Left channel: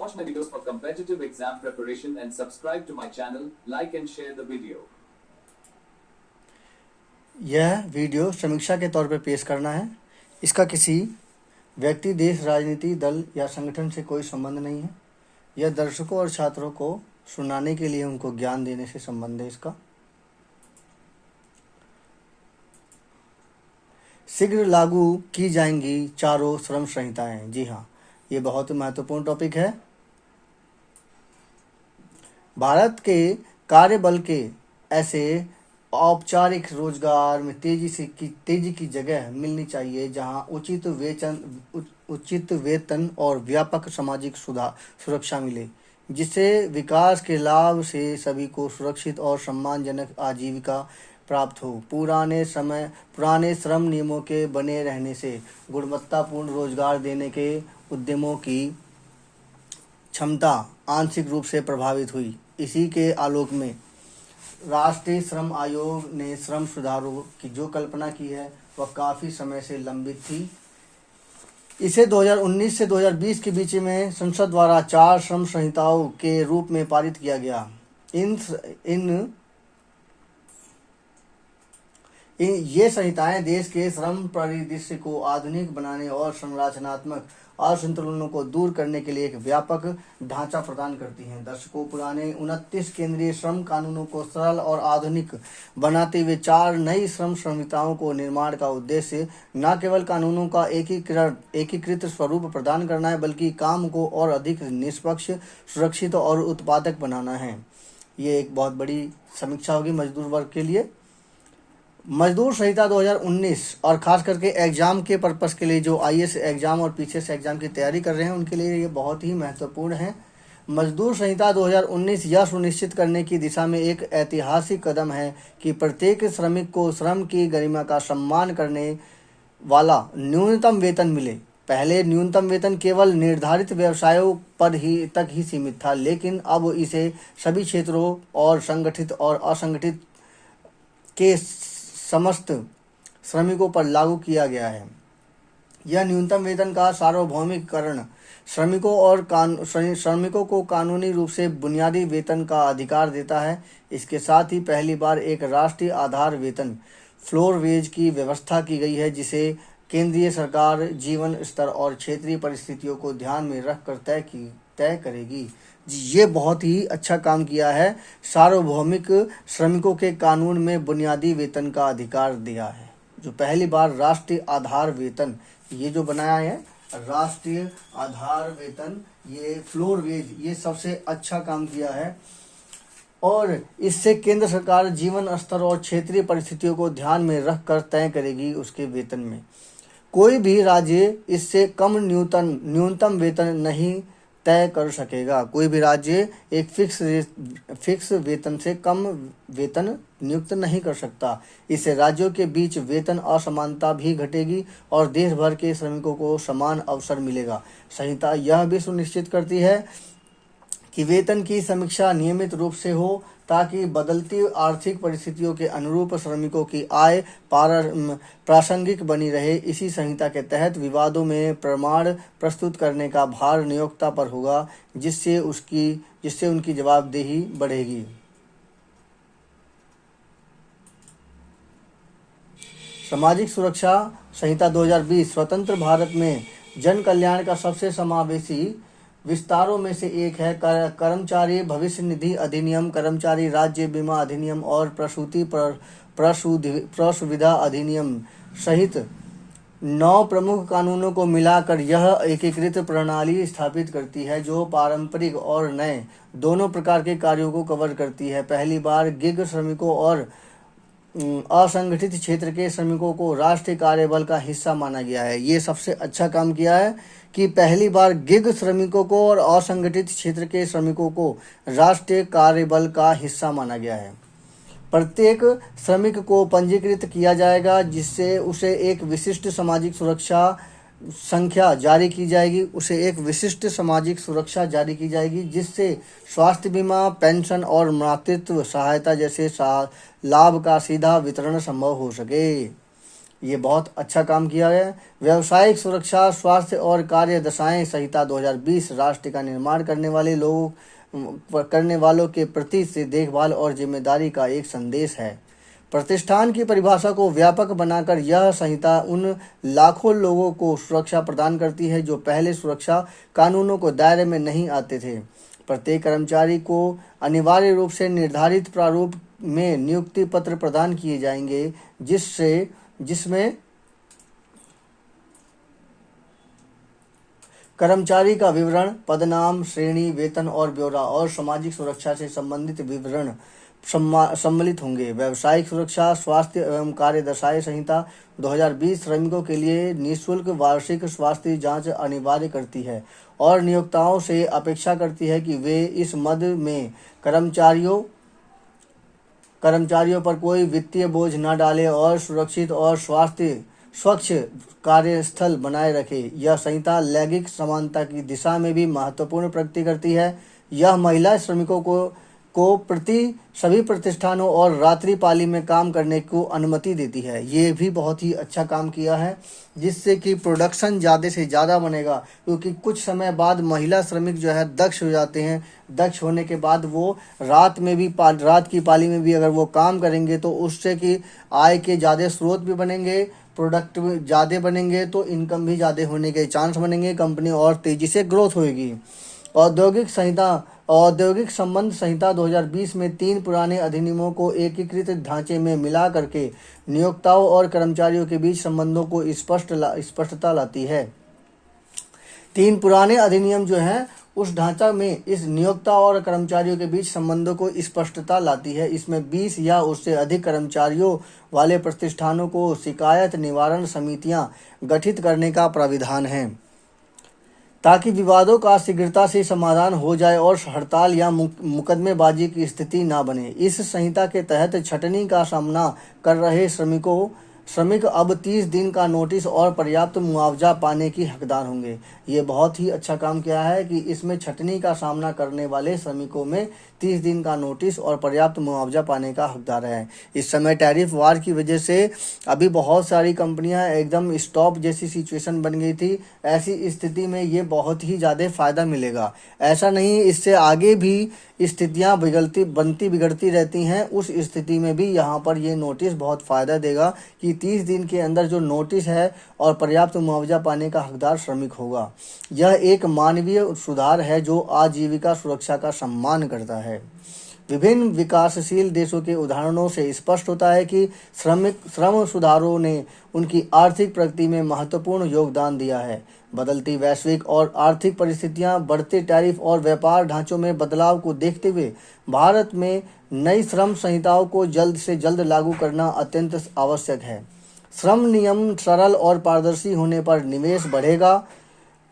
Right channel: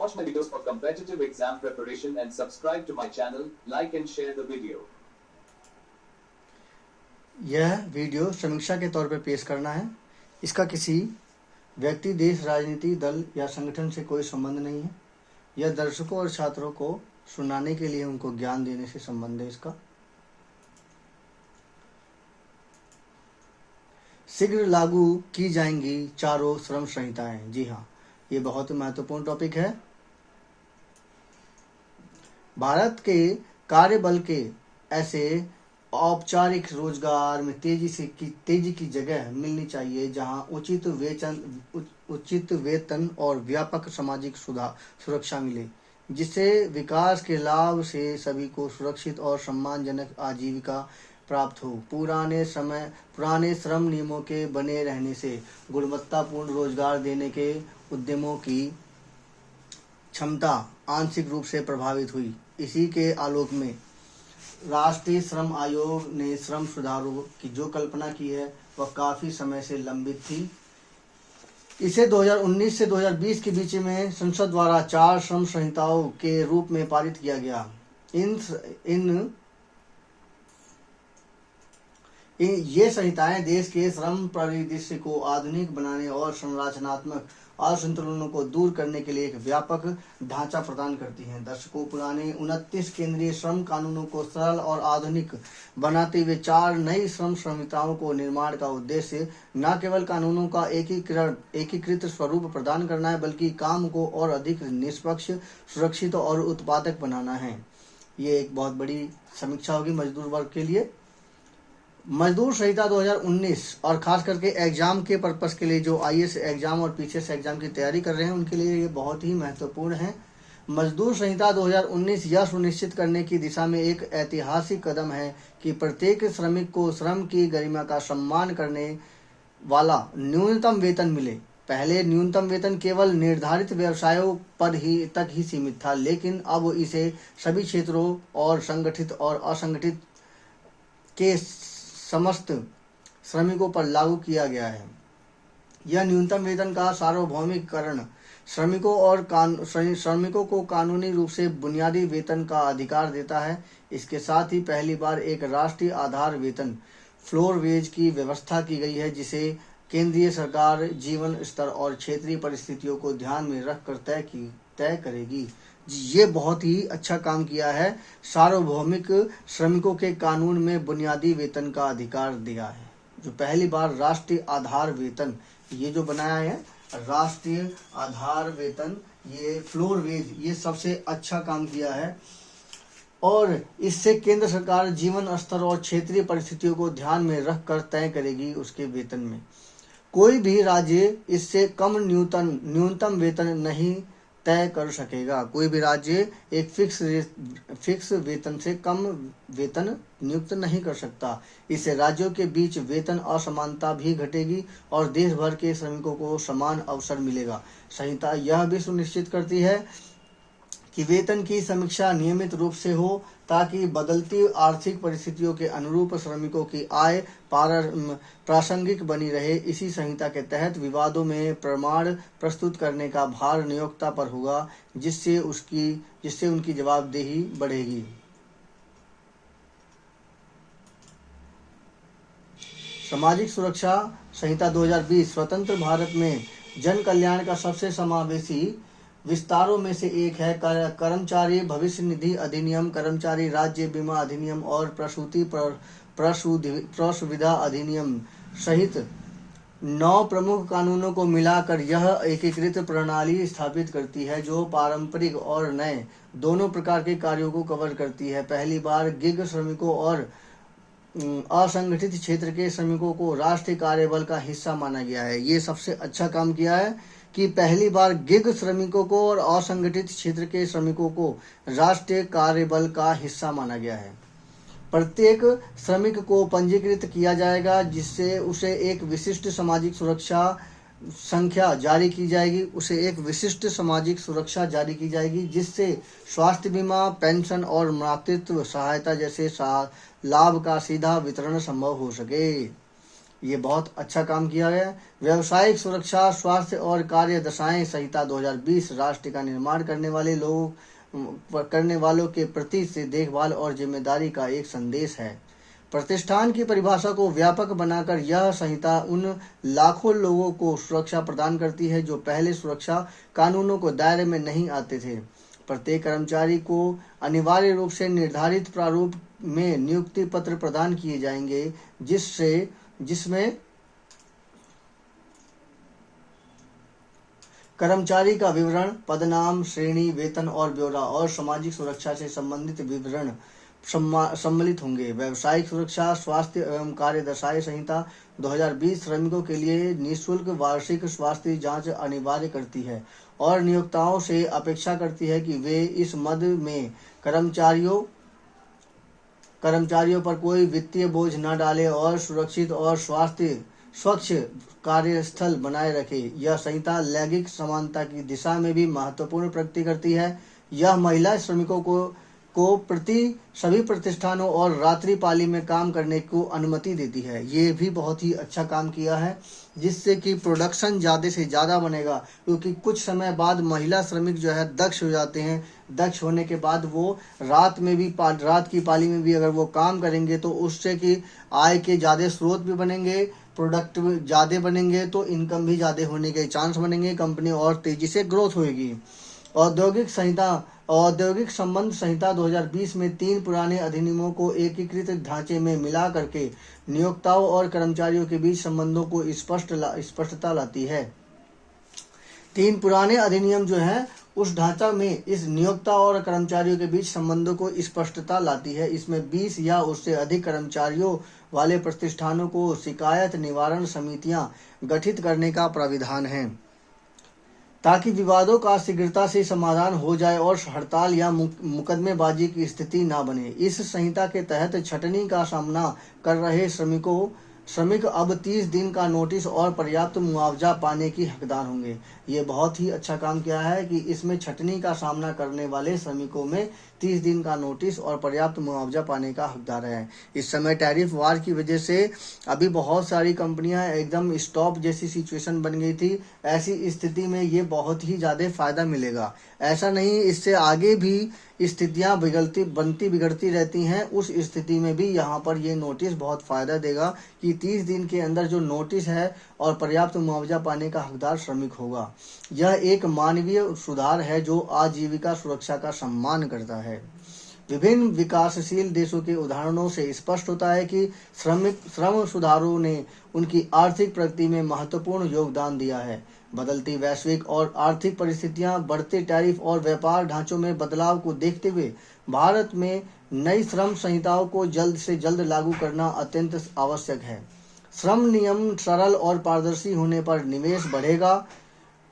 Watch my videos for competitive exam preparation and subscribe to my channel, like and share the video. यह video समीक्षा के तौर पर पेश करना है। इसका किसी व्यक्ति, देश, राजनीति दल या संगठन से कोई संबंध नहीं है। यह दर्शकों और छात्रों को सुनाने के लिए, उनको ज्ञान देने से संबंध है। इसका शीघ्र लागू की जाएंगी चारों श्रम संहिताएं। जी हाँ, ये बहुत ही महत्वपूर्ण टॉपिक है। भारत के कार्यबल के ऐसे औपचारिक रोजगार में तेजी की जगह मिलनी चाहिए जहां उचित वेतन और व्यापक सामाजिक सुरक्षा मिले, जिससे विकास के लाभ से सभी को सुरक्षित और सम्मानजनक आजीविका प्राप्त हो। पुराने श्रम नियमों के बने रहने से गुणवत्तापूर्ण रोजगार देने के उद्यमों की क्षमता आंशिक रूप से प्रभावित हुई। इसी के आलोक में राष्ट्रीय श्रम आयोग ने श्रम सुधारों की जो कल्पना की है वह काफी समय से लंबित थी। इसे 2019 से 2020 के बीच में संसद द्वारा 4 श्रम संहिताओं के रूप में पारित किया गया। ये संहिताएं देश के श्रम परिदृश्य को आधुनिक बनाने और संरचनात्मक असंतुलनों को दूर करने के लिए एक व्यापक ढांचा प्रदान करती हैं। दर्शकों, पुराने 29 केंद्रीय श्रम कानूनों को सरल और आधुनिक बनाते हुए 4 नई श्रम संहिताओं को निर्माण का उद्देश्य न केवल कानूनों का एकीकृत स्वरूप प्रदान करना है, बल्कि काम को और अधिक निष्पक्ष, सुरक्षित और उत्पादक बनाना है। ये एक बहुत बड़ी समीक्षा होगी मजदूर वर्ग के लिए। मजदूर संहिता 2019 और खास करके एग्जाम के पर्पस के लिए, जो आईएएस एग्जाम और पीसीएस एग्जाम की तैयारी कर रहे हैं उनके लिए ये बहुत ही महत्वपूर्ण है। मजदूर संहिता 2019 यह सुनिश्चित करने की दिशा में एक ऐतिहासिक कदम है कि प्रत्येक श्रमिक को श्रम की गरिमा का सम्मान करने वाला न्यूनतम वेतन मिले। पहले न्यूनतम वेतन केवल निर्धारित व्यवसायों पर तक ही सीमित था, लेकिन अब इसे सभी क्षेत्रों और संगठित और असंगठित के समस्त श्रमिकों पर लागू किया गया है। यह न्यूनतम वेतन का सार्वभौमिककरण श्रमिकों को कानूनी रूप से बुनियादी वेतन का अधिकार देता है। इसके साथ ही पहली बार एक राष्ट्रीय आधार वेतन फ्लोर वेज की व्यवस्था की गई है, जिसे केंद्रीय सरकार जीवन स्तर और क्षेत्रीय परिस्थितियों को ध्यान में रखकर तय करेगी। ये बहुत ही अच्छा काम किया है। सार्वभौमिक श्रमिकों के कानून में बुनियादी वेतन का अधिकार दिया है। जो पहली बार राष्ट्रीय आधार वेतन ये जो बनाया है, राष्ट्रीय आधार वेतन, ये फ्लोर वेज, ये सबसे अच्छा काम किया है। और इससे केंद्र सरकार जीवन स्तर और क्षेत्रीय परिस्थितियों को ध्यान में रखकर तय करेगी उसके वेतन में। कोई भी राज्य इससे कम न्यूनतम वेतन नहीं तय कर सकेगा। कोई भी राज्य एक फिक्स वेतन से कम वेतन नियुक्त नहीं कर सकता। इससे राज्यों के बीच वेतन असमानता भी घटेगी और देश भर के श्रमिकों को समान अवसर मिलेगा। संहिता यह भी सुनिश्चित करती है कि वेतन की समीक्षा नियमित रूप से हो, ताकि बदलती आर्थिक परिस्थितियों के अनुरूप श्रमिकों की आय प्रासंगिक बनी रहे। इसी संहिता के तहत विवादों में प्रमाण प्रस्तुत करने का भार नियोक्ता पर होगा, जिससे उनकी जवाबदेही बढ़ेगी। सामाजिक सुरक्षा संहिता 2020 स्वतंत्र भारत में जन कल्याण का सबसे समावेशी विस्तारों में से एक है। कर्मचारी भविष्य निधि अधिनियम, कर्मचारी राज्य बीमा अधिनियम और प्रसुविधा अधिनियम सहित 9 प्रमुख कानूनों को मिलाकर यह एकीकृत प्रणाली स्थापित करती है, जो पारंपरिक और नए दोनों प्रकार के कार्यों को कवर करती है। पहली बार गिग श्रमिकों और असंगठित क्षेत्र के श्रमिकों को राष्ट्रीय कार्यबल का हिस्सा माना गया है। ये सबसे अच्छा काम किया है कि पहली बार गिग श्रमिकों को और असंगठित क्षेत्र के श्रमिकों को राष्ट्रीय कार्यबल का हिस्सा माना गया है। प्रत्येक श्रमिक को पंजीकृत किया जाएगा, जिससे उसे एक विशिष्ट सामाजिक सुरक्षा संख्या जारी की जाएगी, जिससे स्वास्थ्य बीमा, पेंशन और मातृत्व सहायता जैसे लाभ का सीधा वितरण संभव हो सके। ये बहुत अच्छा काम किया है। व्यावसायिक सुरक्षा, स्वास्थ्य और कार्य दशाएं संहिता 2020 राष्ट्र का निर्माण करने वालों के प्रति से देखभाल और जिम्मेदारी का एक संदेश है। प्रतिष्ठान की परिभाषा को व्यापक बनाकर यह संहिता उन लाखों लोगों को सुरक्षा प्रदान करती है जो पहले सुरक्षा कानूनों को दायरे में नहीं आते थे। प्रत्येक कर्मचारी को अनिवार्य रूप से निर्धारित प्रारूप में नियुक्ति पत्र प्रदान किए जाएंगे, जिसमें कर्मचारी का विवरण, पदनाम, श्रेणी, वेतन और ब्यौरा और सामाजिक सुरक्षा से संबंधित विवरण सम्मिलित होंगे। व्यावसायिक सुरक्षा, स्वास्थ्य एवं कार्य दशाएं संहिता 2020 श्रमिकों के लिए निःशुल्क वार्षिक स्वास्थ्य जांच अनिवार्य करती है और नियोक्ताओं से अपेक्षा करती है कि वे इस मद में कर्मचारियों पर कोई वित्तीय बोझ न डालें और सुरक्षित और स्वच्छ कार्यस्थल बनाए रखें। यह संहिता लैंगिक समानता की दिशा में भी महत्वपूर्ण प्रगति करती है। यह महिला श्रमिकों को प्रति सभी प्रतिष्ठानों और रात्रि पाली में काम करने को अनुमति देती है। ये भी बहुत ही अच्छा काम किया है, जिससे कि प्रोडक्शन ज़्यादा से ज़्यादा बनेगा, क्योंकि कुछ समय बाद महिला श्रमिक जो है दक्ष हो जाते हैं। दक्ष होने के बाद वो रात की पाली में भी अगर वो काम करेंगे तो उससे कि आय के ज़्यादा स्रोत भी बनेंगे, प्रोडक्ट ज़्यादा बनेंगे, तो इनकम भी ज़्यादा होने के चांस बनेंगे, कंपनी और तेज़ी से ग्रोथ होगी। औद्योगिक संबंध संहिता 2020 में 3 पुराने अधिनियमों को एकीकृत ढांचे में मिला करके नियोक्ताओं और कर्मचारियों के बीच संबंधों को स्पष्टता लाती है। 3 पुराने अधिनियम जो हैं उस ढांचा में इस नियोक्ता और कर्मचारियों के बीच संबंधों को स्पष्टता लाती है। इसमें 20 या उससे अधिक कर्मचारियों वाले प्रतिष्ठानों को शिकायत निवारण समितियां गठित करने का प्राविधान है, ताकि विवादों का शीघ्रता से समाधान हो जाए और हड़ताल या मुकदमेबाजी की स्थिति न बने। इस संहिता के तहत छटनी का सामना कर रहे श्रमिक अब 30 दिन का नोटिस और पर्याप्त मुआवजा पाने की हकदार होंगे। ये बहुत ही अच्छा काम किया है कि इसमें छटनी का सामना करने वाले श्रमिकों में 30 दिन का नोटिस और पर्याप्त मुआवजा पाने का हकदार है। इस समय टैरिफ वार की वजह से अभी बहुत सारी कंपनियां एकदम स्टॉप जैसी सिचुएशन बन गई थी। ऐसी स्थिति में ये बहुत ही ज़्यादा फायदा मिलेगा। ऐसा नहीं, इससे आगे भी स्थितियां बिगड़ती रहती हैं। उस स्थिति में भी यहाँ पर ये नोटिस बहुत फ़ायदा देगा कि 30 दिन के अंदर जो नोटिस है और पर्याप्त मुआवजा पाने का हकदार श्रमिक होगा। यह एक मानवीय सुधार है जो आजीविका सुरक्षा का सम्मान करता है। विभिन्न विकासशील देशों के उदाहरणों से स्पष्ट होता है कि श्रम सुधारों ने उनकी आर्थिक प्रगति में महत्वपूर्ण योगदान दिया है। बदलती वैश्विक और आर्थिक परिस्थितियां, बढ़ते टैरिफ और व्यापार ढांचों में बदलाव को देखते हुए भारत में नई श्रम संहिताओं को जल्द से जल्द लागू करना अत्यंत आवश्यक है। श्रम नियम सरल और पारदर्शी होने पर निवेश बढ़ेगा,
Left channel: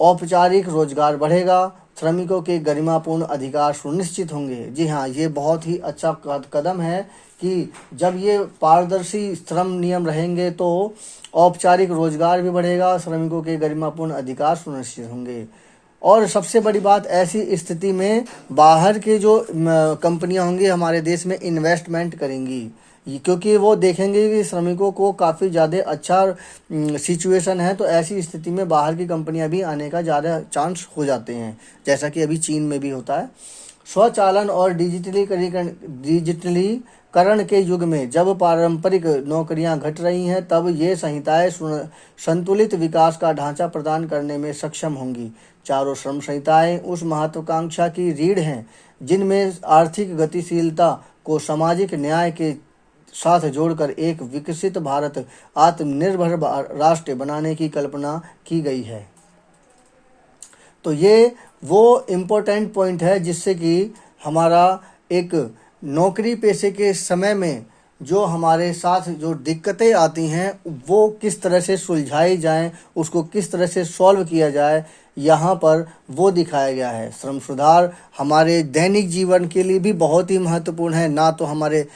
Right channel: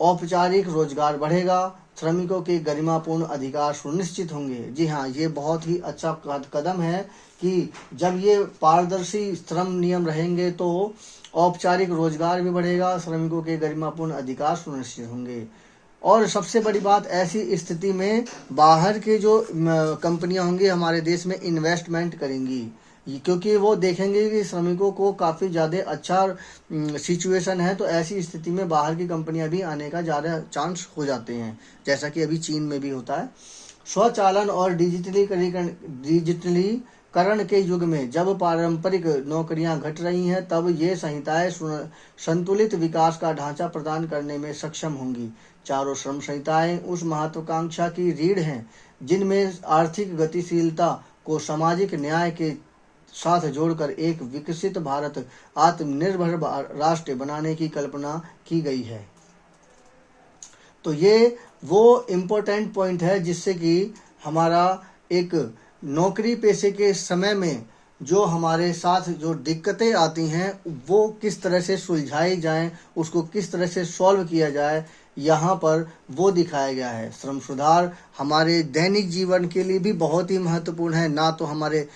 औपचारिक रोजगार बढ़ेगा, श्रमिकों के गरिमापूर्ण अधिकार सुनिश्चित होंगे। जी हाँ, ये बहुत ही अच्छा कदम है कि जब ये पारदर्शी श्रम नियम रहेंगे तो औपचारिक रोजगार भी बढ़ेगा, श्रमिकों के गरिमापूर्ण अधिकार सुनिश्चित होंगे। और सबसे बड़ी बात, ऐसी स्थिति में बाहर के जो कंपनियां होंगी हमारे देश में इन्वेस्टमेंट करेंगी, क्योंकि वो देखेंगे कि श्रमिकों को काफ़ी ज़्यादा अच्छा सिचुएशन है। तो ऐसी स्थिति में बाहर की कंपनियां भी आने का ज़्यादा चांस हो जाते हैं, जैसा कि अभी चीन में भी होता है। स्वचालन और डिजिटलीकरण के युग में जब पारंपरिक नौकरियां घट रही हैं, तब ये संहिताएं संतुलित विकास का ढांचा प्रदान करने में सक्षम होंगी। चारों श्रम संहिताएं उस महत्वाकांक्षा की रीढ़ हैं जिनमें आर्थिक गतिशीलता को सामाजिक न्याय के साथ जोड़कर एक विकसित भारत, आत्मनिर्भर राष्ट्र बनाने की कल्पना की गई है। तो ये वो इम्पोर्टेंट पॉइंट है जिससे कि हमारा एक नौकरी पेशे के समय में जो हमारे साथ जो दिक्कतें आती हैं वो किस तरह से सुलझाई जाएं, उसको किस तरह से सॉल्व किया जाए, यहाँ पर वो दिखाया गया है। श्रम सुधार हमारे दैनिक जीवन के लिए भी बहुत ही महत्वपूर्ण है। ना तो हमारे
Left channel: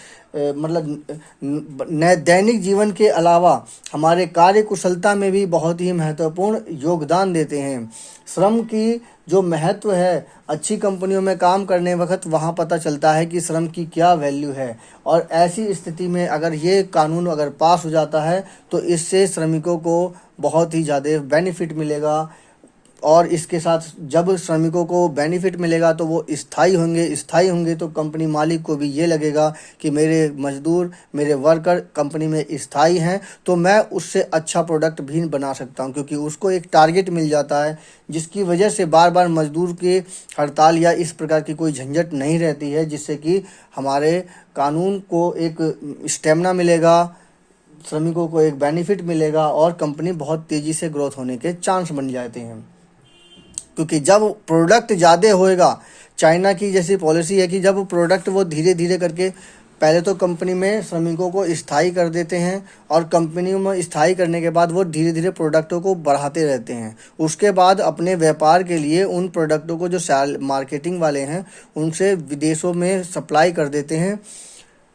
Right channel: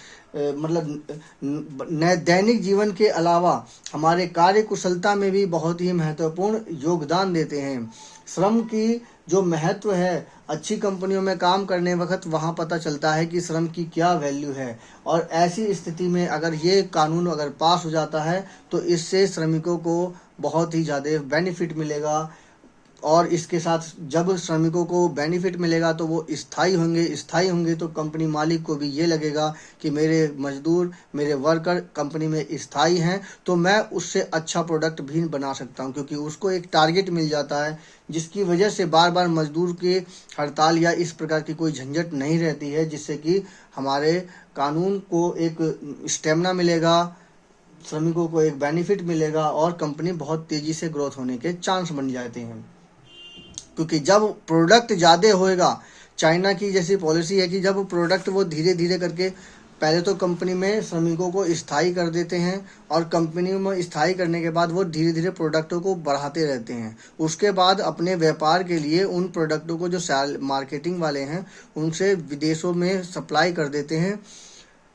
दैनिक जीवन के अलावा हमारे कार्य कुशलता में भी बहुत ही महत्वपूर्ण योगदान देते हैं। श्रम की जो महत्व है अच्छी कंपनियों में काम करने वक्त वहाँ पता चलता है कि श्रम की क्या वैल्यू है। और ऐसी स्थिति में अगर ये कानून अगर पास हो जाता है तो इससे श्रमिकों को बहुत ही ज़्यादा बेनिफिट मिलेगा। और इसके साथ जब श्रमिकों को बेनिफिट मिलेगा तो वो स्थायी होंगे तो कंपनी मालिक को भी ये लगेगा कि मेरे मजदूर, मेरे वर्कर कंपनी में स्थायी हैं, तो मैं उससे अच्छा प्रोडक्ट भी बना सकता हूं, क्योंकि उसको एक टारगेट मिल जाता है जिसकी वजह से बार बार मजदूर के हड़ताल या इस प्रकार की कोई झंझट नहीं रहती है, जिससे कि हमारे कानून को एक स्टेमिना मिलेगा, श्रमिकों को एक बेनिफिट मिलेगा और कंपनी बहुत तेज़ी से ग्रोथ होने के चांस बन जाते हैं। क्योंकि जब प्रोडक्ट ज़्यादा होएगा, चाइना की जैसी पॉलिसी है कि जब प्रोडक्ट वो धीरे धीरे करके पहले तो कंपनी में श्रमिकों को स्थायी कर देते हैं और कंपनी में स्थायी करने के बाद वो धीरे धीरे प्रोडक्टों को बढ़ाते रहते हैं। उसके बाद अपने व्यापार के लिए उन प्रोडक्टों को जो मार्केटिंग वाले हैं उनसे विदेशों में सप्लाई कर देते हैं।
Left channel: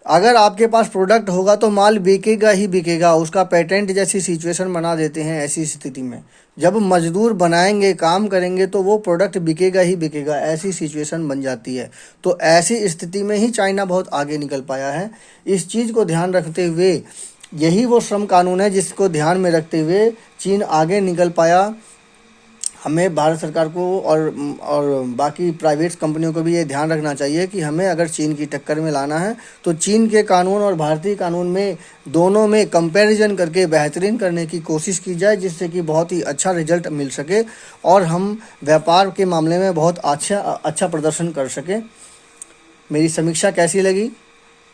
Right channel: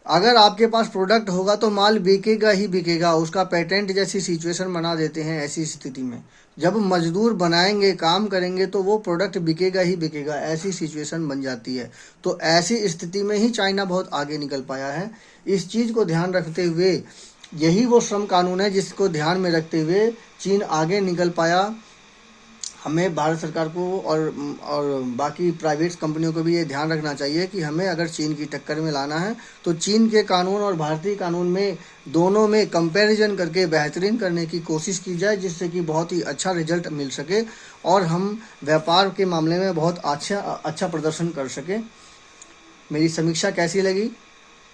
अगर आपके पास प्रोडक्ट होगा तो माल बिकेगा ही बिकेगा, उसका पेटेंट जैसी सिचुएशन बना देते हैं। ऐसी स्थिति में जब मजदूर बनाएंगे, काम करेंगे तो वो प्रोडक्ट बिकेगा ही बिकेगा, ऐसी सिचुएशन बन जाती है। तो ऐसी स्थिति में ही चाइना बहुत आगे निकल पाया है। इस चीज़ को ध्यान रखते हुए यही वो श्रम कानून है जिसको ध्यान में रखते हुए चीन आगे निकल पाया। हमें भारत सरकार को और बाकी प्राइवेट कंपनियों को भी ये ध्यान रखना चाहिए कि हमें अगर चीन की टक्कर में लाना है तो चीन के कानून और भारतीय कानून में दोनों में कंपैरिजन करके बेहतरीन करने की कोशिश की जाए, जिससे कि बहुत ही अच्छा रिजल्ट मिल सके और हम व्यापार के मामले में बहुत अच्छा प्रदर्शन कर सकें। मेरी समीक्षा कैसी लगी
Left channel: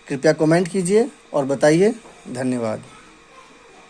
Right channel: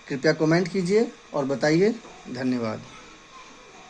कृपया कमेंट कीजिए और बताइए। धन्यवाद।